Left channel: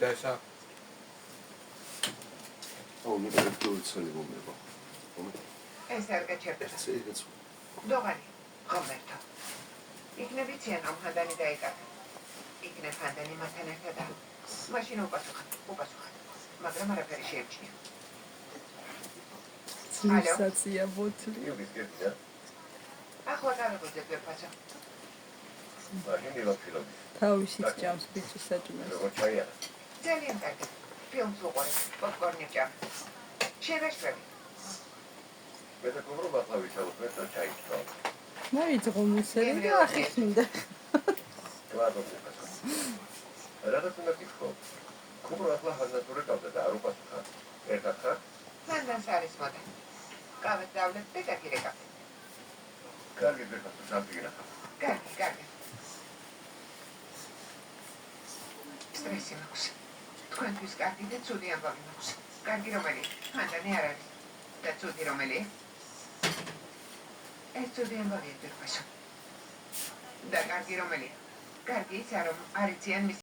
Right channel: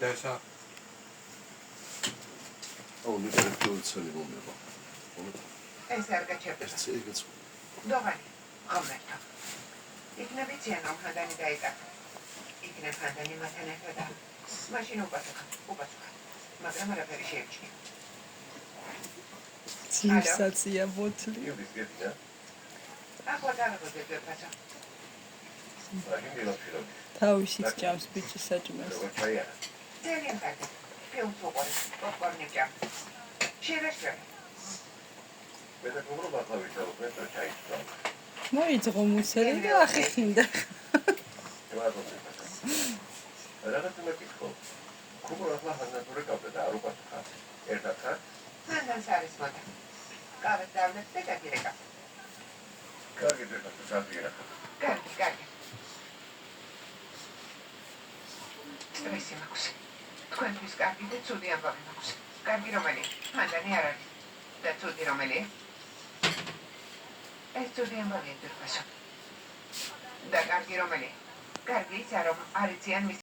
Dasha. Oh, mi deve più il sale come va. Serga certo. Dovani, Roberto. იქნებ იციან რომ ჰანდანი დაეკარგა. იქნებ ჰანდანი მათთან ერთად. მაშინ უპასუხა. მაგრამ არაფერი შეემჩნია. ცივსაცია ბოთლი. ახლა გავიგოთ ვერფასო. თავისით ჭამს ბიჭის საჭმელს. ძალიან კარგი. ფილმს უყურებ, პოპკორნი ჭამ. შევეშლები. მე და გობრობა თავისთავად მე ჩაიჭრა. მოიძღო მუსერი და ახიხინდა. რაღაც უნდა გიქხო. გოგო ახლა ჰანატური გავდა და არ უპასუხა. ერთად ხარ? მანდანს არის მოდა. გავეთ დავლეთ და დაგირეკა. კარგი და საფიგრა. კარგი. სტრესი მაქვს. თქვენთვის კარგი და ცუდი ამბავი მაქვს. კარგი რომელი? მანდანი არ არის. და ცუდი რომელი? ეს ცუდი ამბავია ვერფასო. და კარგი რომელი? კარგი ისა რომ არ იციან